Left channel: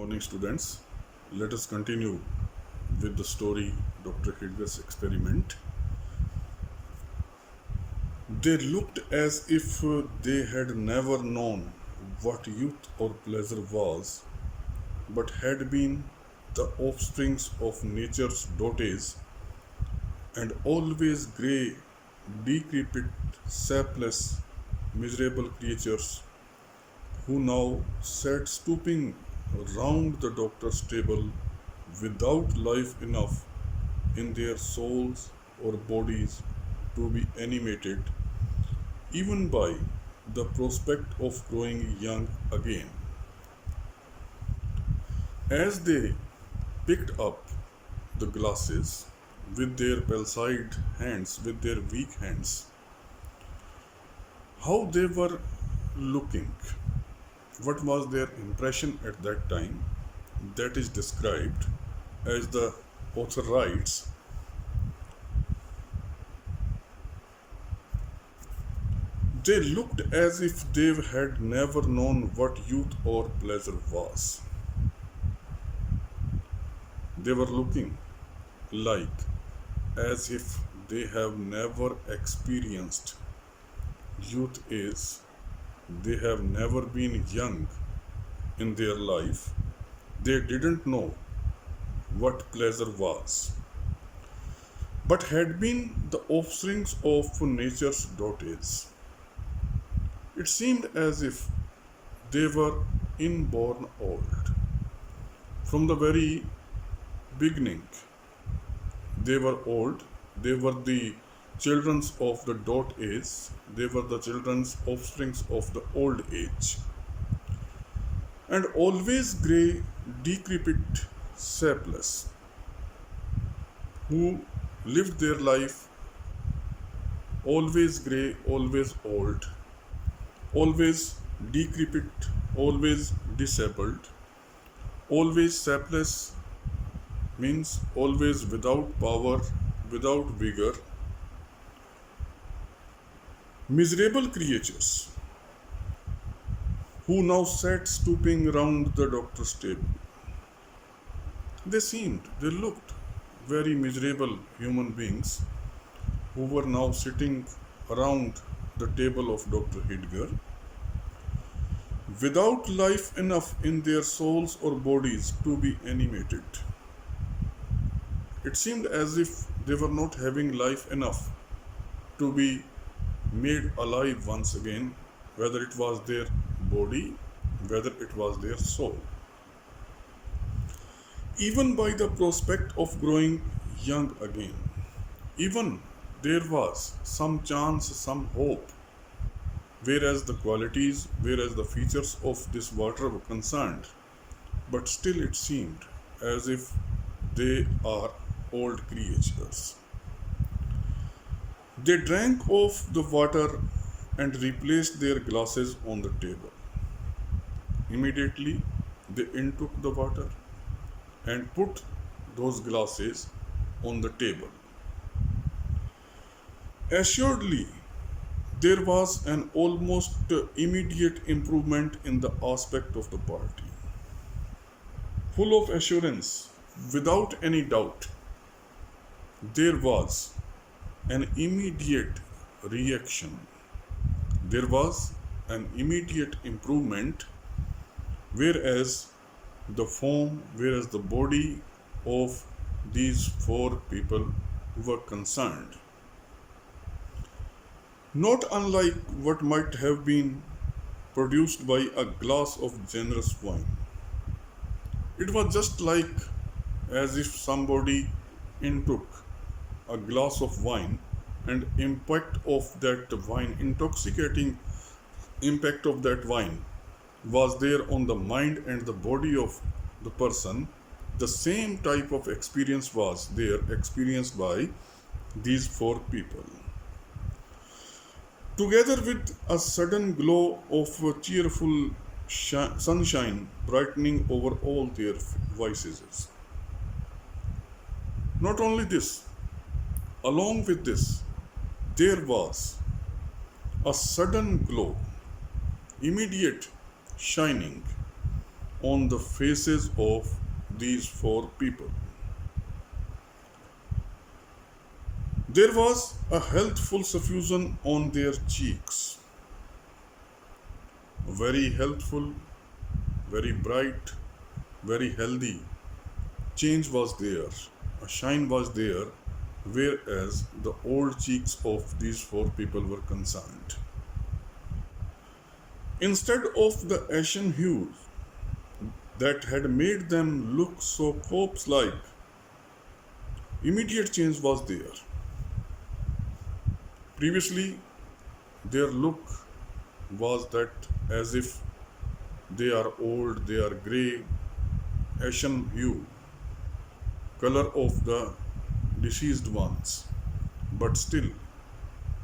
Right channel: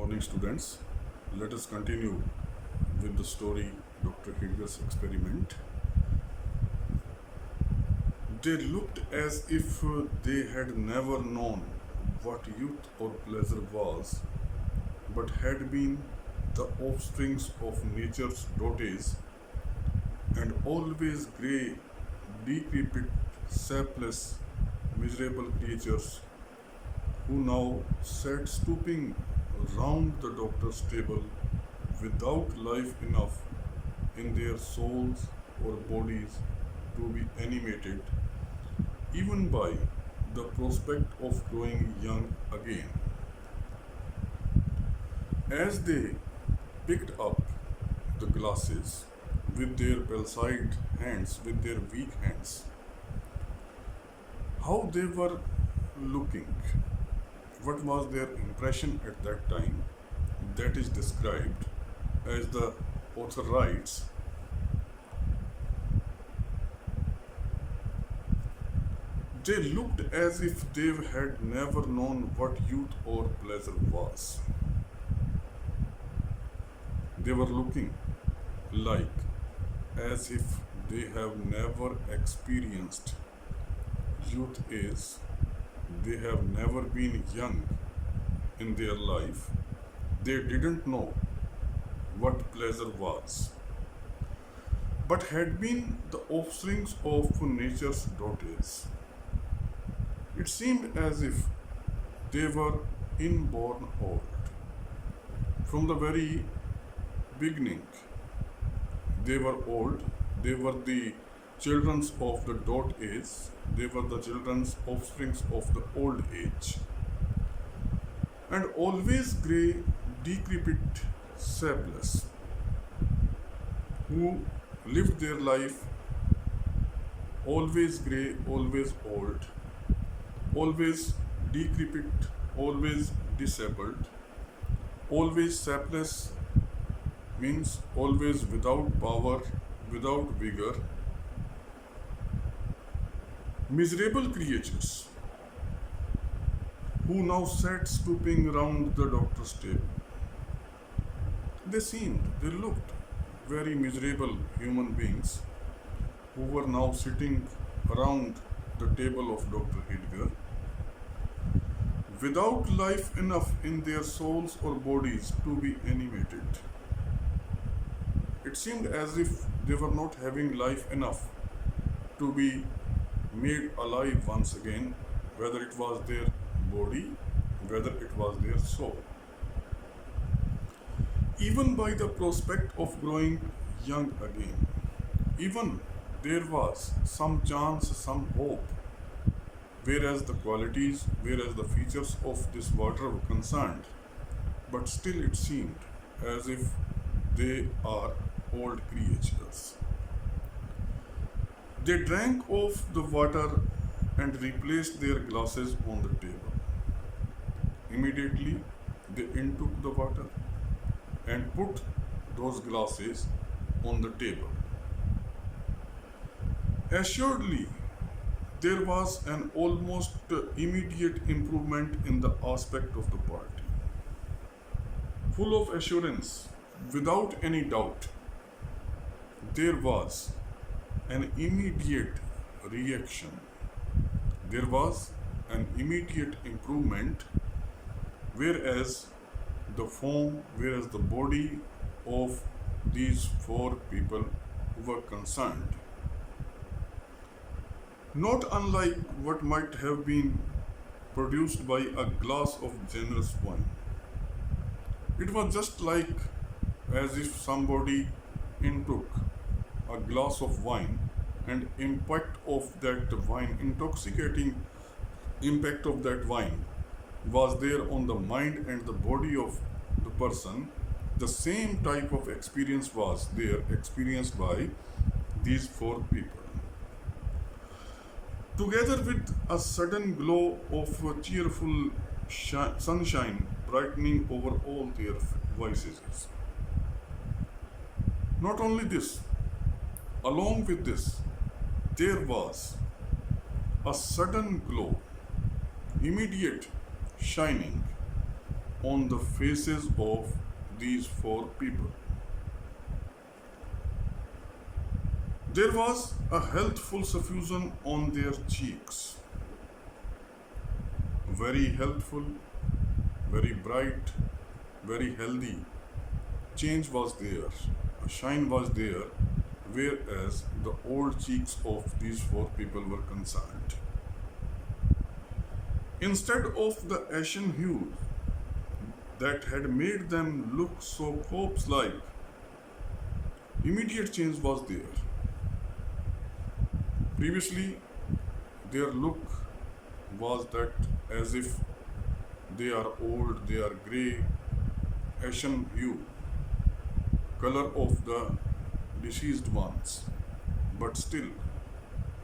Morning, students. Let us continue with the story Dr. Heidegger's experiment. They looked as if they had never known what youth or pleasure was, but had been the offsprings of nature's dotage and always grey, decrepit, sapless, miserable creatures who now sat stooping round the doctor's table without life enough in their souls or bodies to be animated even by the prospect of growing young again. As they picked up the glasses with their palsied hands, with their weak hands, how they were looking, what was their impression at that time, that is described as the author writes. They looked as if they had never known what youth or pleasure was. They were looking like as if they have never experienced youth is. They have never been young in their life. They didn't know what pleasure was, but had been the offsprings of nature's dotage. It seemed as if they were inborn old. From the very beginning, they were old. They were the children of the dot age. They were the children's offsprings of the old age. And always grey, decrepit, sapless, who lived their life always grey, always old, always decrepit, always disabled, always sapless means always without power, without vigor, miserable creatures who now sat stooping round the doctor's table. They looked very miserable human beings who were now sitting around the table of Dr. Heidegger without life enough in their souls or bodies to be animated. It seemed as if they were not having life enough to be made alive once again, whether it was their body, whether it was their soul. Even by the prospect of growing young again, even there was some chance, some hope, whereas the qualities, whereas the features of this water were concerned, but still it seemed as if they are old creatures. They drank off the water and replaced their glasses on the table. Immediately, they intook the water and put those glasses on the table. Assuredly, there was an almost immediate improvement in the aspect of the party. Full of assurance, without any doubt, there was an immediate reaction. There was an immediate improvement, whereas the body of these four people were concerned, not unlike what might have been produced by a glass of generous wine. It was just like as if somebody intook a glass of wine and intoxicating impact of that wine was there on the mind and the body of the person. The same type of experience was there experienced by these four people, together with a sudden glow of cheerful sunshine brightening over all their vices. Not only this, along with this, there was a sudden glow, immediate shining on the faces of these four people. There was a healthful suffusion on their cheeks. Very healthful, very bright, very healthy. Change was there, a shine was there, whereas the old cheeks of these four people were concerned. Instead of the ashen hues that had made them look so corpse like, immediate change was there. Previously, their look was that as if they are old, they are grey, ashen hue, color of the deceased ones. But still,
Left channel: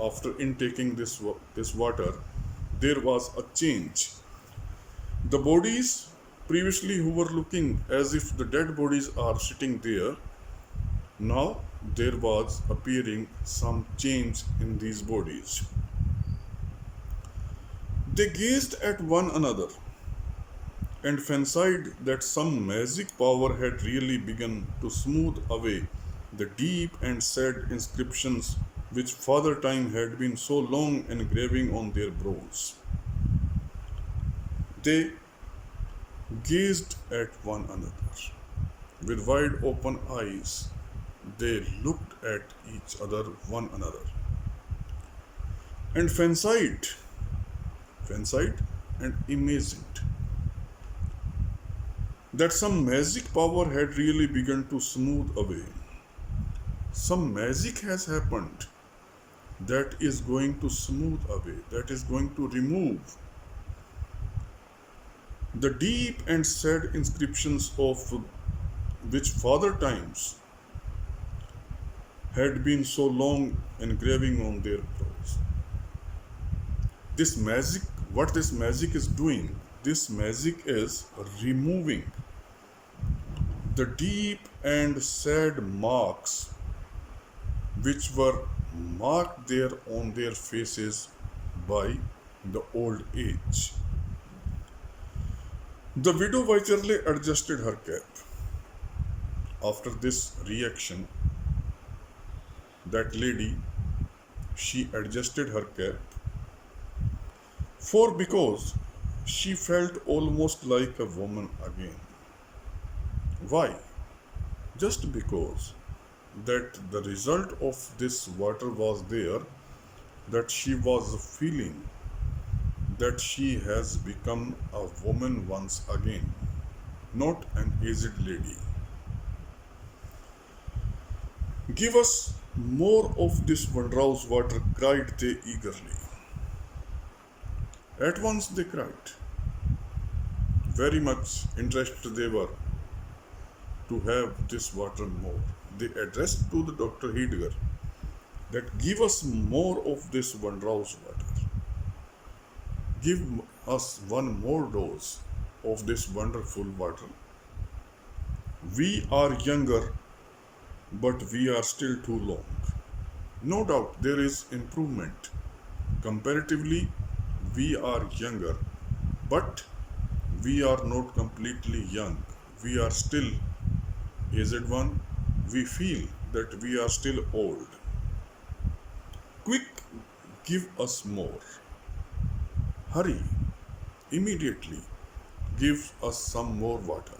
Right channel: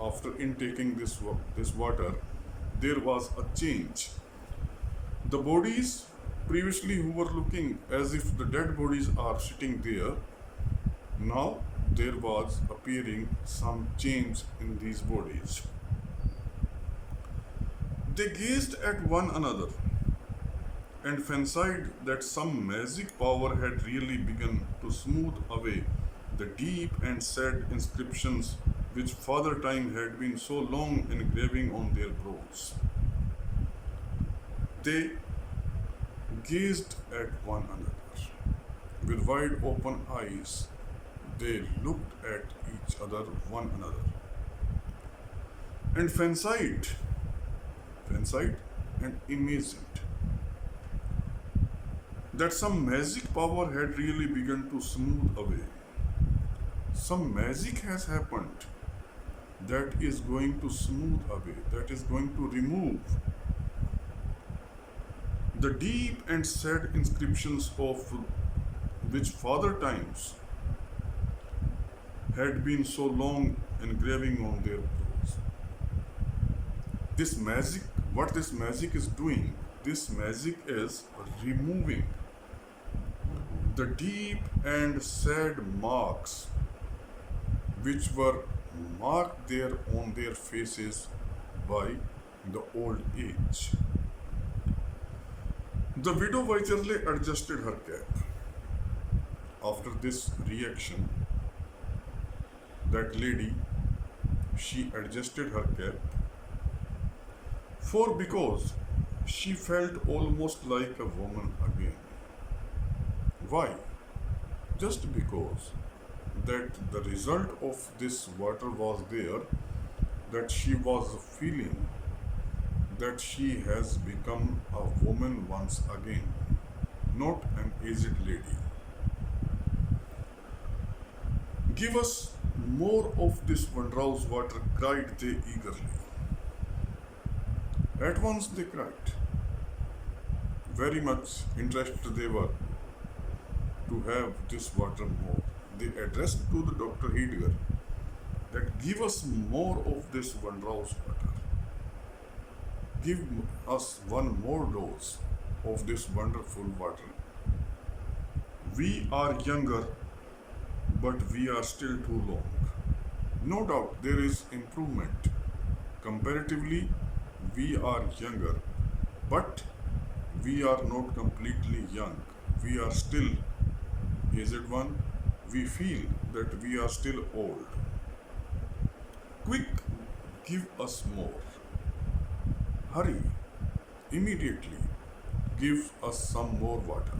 after intaking this water, there was a change. The bodies previously who were looking as if the dead bodies are sitting there, now there was appearing some change in these bodies. They gazed at one another and fancied that some magic power had really begun to smooth away the deep and sad inscriptions which Father Time had been so long engraving on their brows. They gazed at one another. With wide open eyes, they looked at each other, one another, and fancied and imagined that some magic power had really begun to smooth away. Some magic has happened that is going to smooth away, that is going to remove the deep and sad inscriptions of which Father Times had been so long engraving on their brows. This magic, what this magic is doing, this magic is removing the deep and sad marks which were marked there on their faces by the old age. The widow Wycherley adjusted her cap. After this reaction, that lady, she adjusted her cap, for because she felt almost like a woman again. Why? Just because that the result of this water was there, that she was feeling that she has become a woman once again, not an aged lady. Give us more of this wondrous water, cried they eagerly. At once they cried. Very much interested they were to have this water more. They addressed to the Dr. Heidegger that give us more of this wondrous water. Give us one more dose of this wonderful water. We are younger, but we are still too long. No doubt there is improvement. Comparatively, we are younger, but we are not completely young. We are still aged one. We feel that we are still old. Quick, give us more. Hurry, immediately give us some more water.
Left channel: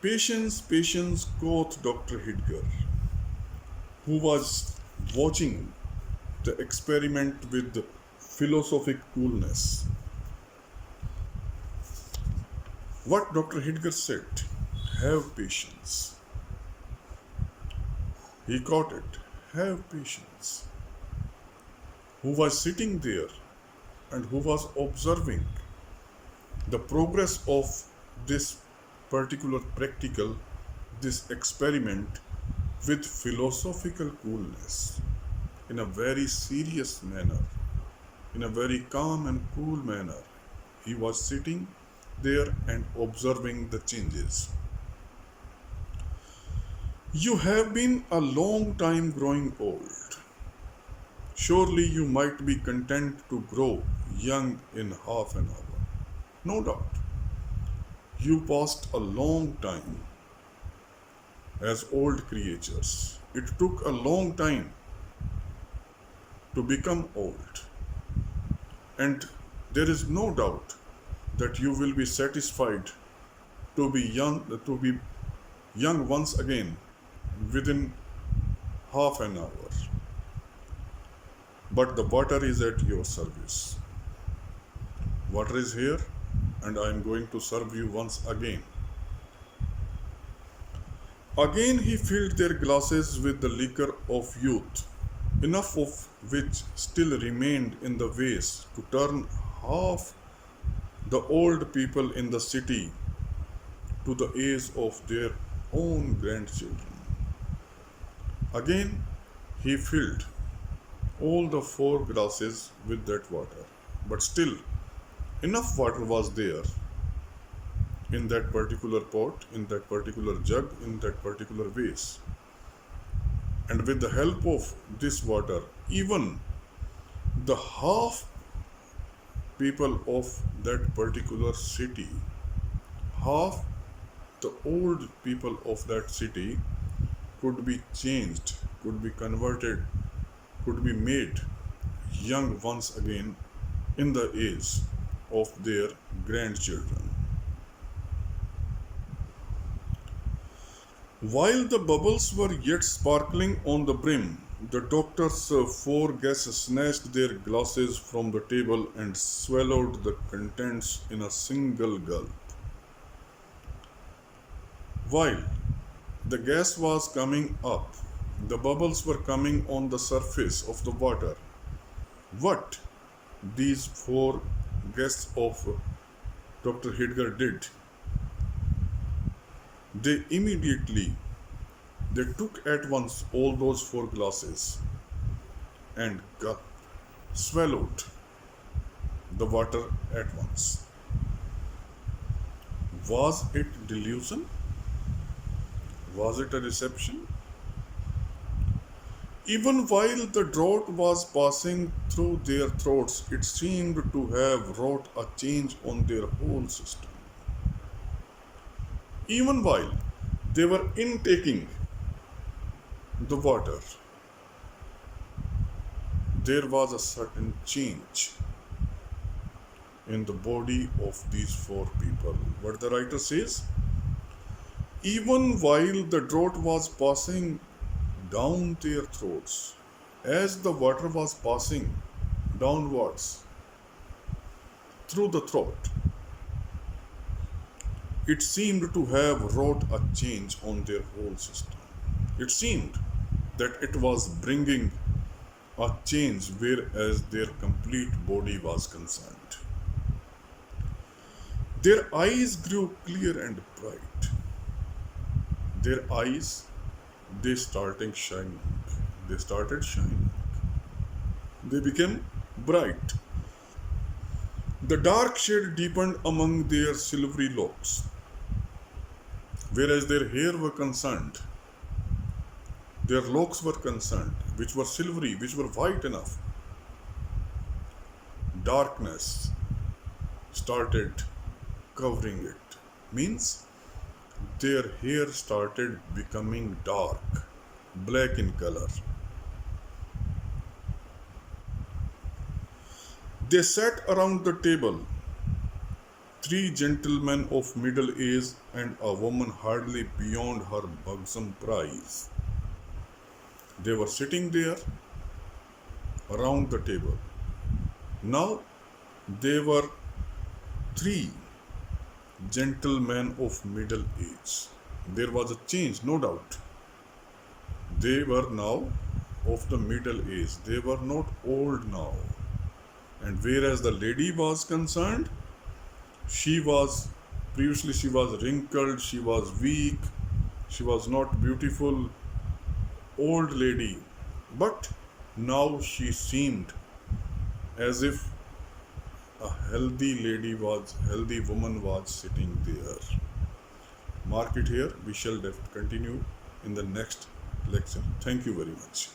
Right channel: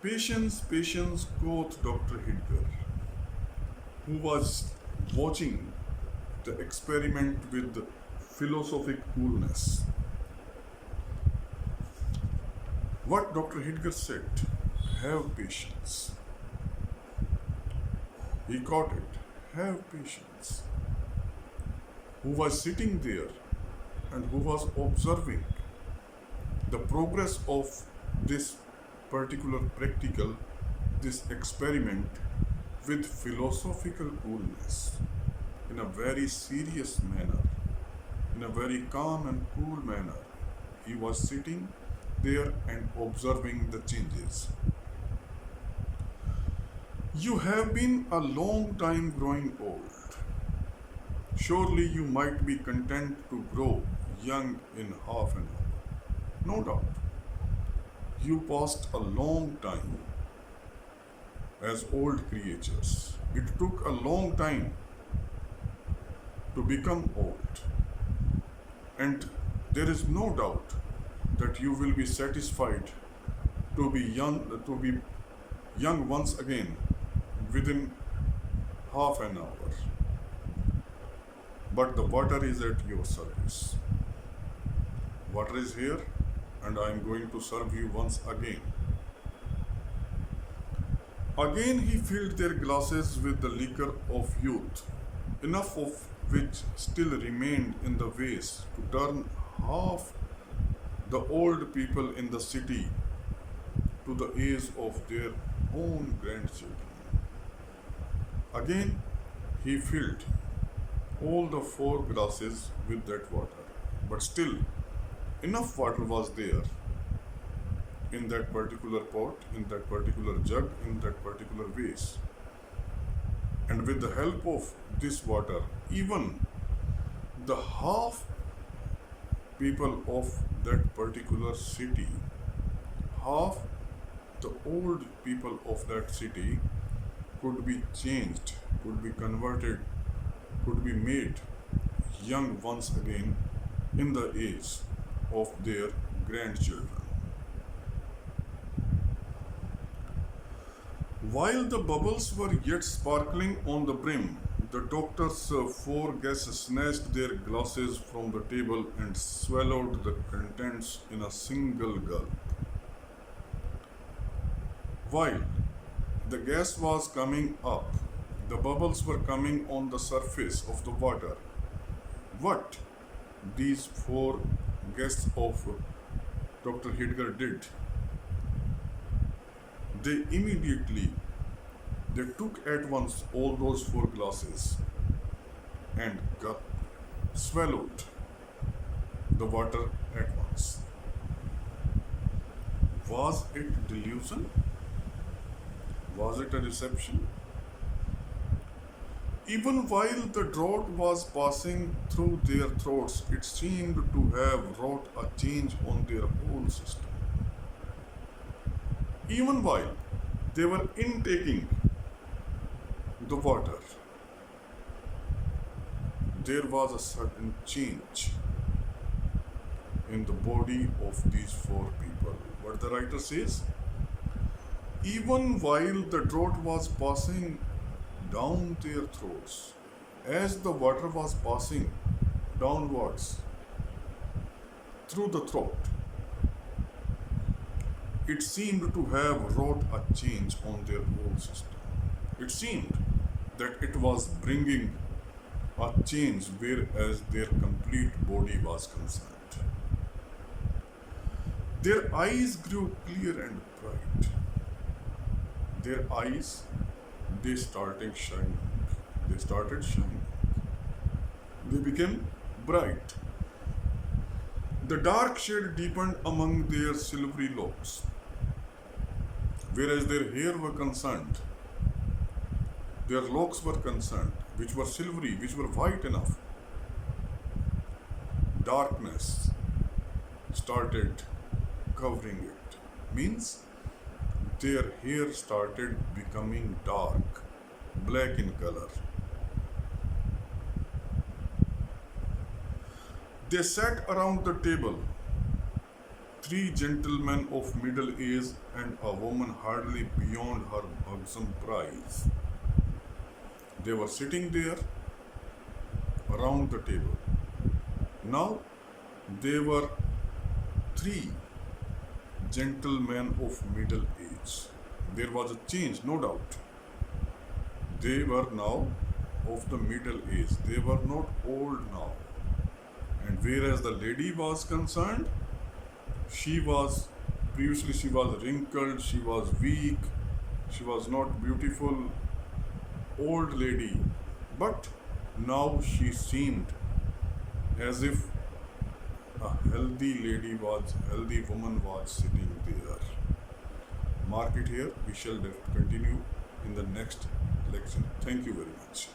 Patience, patience, quoth Dr. Heidegger, who was watching the experiment with philosophic coolness. What Dr. Heidegger said, have patience. He caught it, have patience. Who was sitting there and who was observing the progress of this particular practical, this experiment with philosophical coolness, in a very serious manner, in a very calm and cool manner. He was sitting there and observing the changes. You have been a long time growing old. Surely you might be content to grow young in half an hour. No doubt. You passed a long time as old creatures. It took a long time to become old. And there is no doubt that you will be satisfied to be young once again within half an hour. But the water is at your service. Water is here, and I am going to serve you once again. Again he filled their glasses with the liquor of youth, enough of which still remained in the vase to turn half the old people in the city to the age of their own grandchildren. Again he filled all the four glasses with that water, but still enough water was there in that particular pot, in that particular jug, in that particular vase. And with the help of this water, even the half people of that particular city, half the old people of that city could be changed, could be converted, could be made young once again in the age of their grandchildren. While the bubbles were yet sparkling on the brim, the doctor's four guests snatched their glasses from the table and swallowed the contents in a single gulp. While the gas was coming up, the bubbles were coming on the surface of the water. What these four guests of Dr. Heidegger did, they took at once all those four glasses and swallowed the water at once. Was it delusion? Was it a deception? Even while the draught was passing through their throats, it seemed to have wrought a change on their whole system. Even while they were intaking the water, there was a certain change in the body of these four people. What the writer says, even while the draught was passing down their throats, as the water was passing downwards through the throat, it seemed to have wrought a change on their whole system. It seemed that it was bringing a change whereas their complete body was concerned. Their eyes grew clear and bright. Their eyes, they started shining. They became bright. The dark shade deepened among their silvery locks. Whereas their hair were concerned, their locks were concerned, which were silvery, which were white enough. Darkness started covering it. Means their hair started becoming dark, black in color. They sat around the table, three gentlemen of middle age and a woman hardly beyond her buxom prize. They were sitting there around the table. Now they were three gentlemen of middle age. There was a change, no doubt. They were now of the middle age. They were not old now. And whereas the lady was concerned, she was wrinkled, she was weak, she was not beautiful, old lady. But now she seemed as if a healthy woman was sitting there. Mark it here. We shall continue in the next lecture. Thank you very much.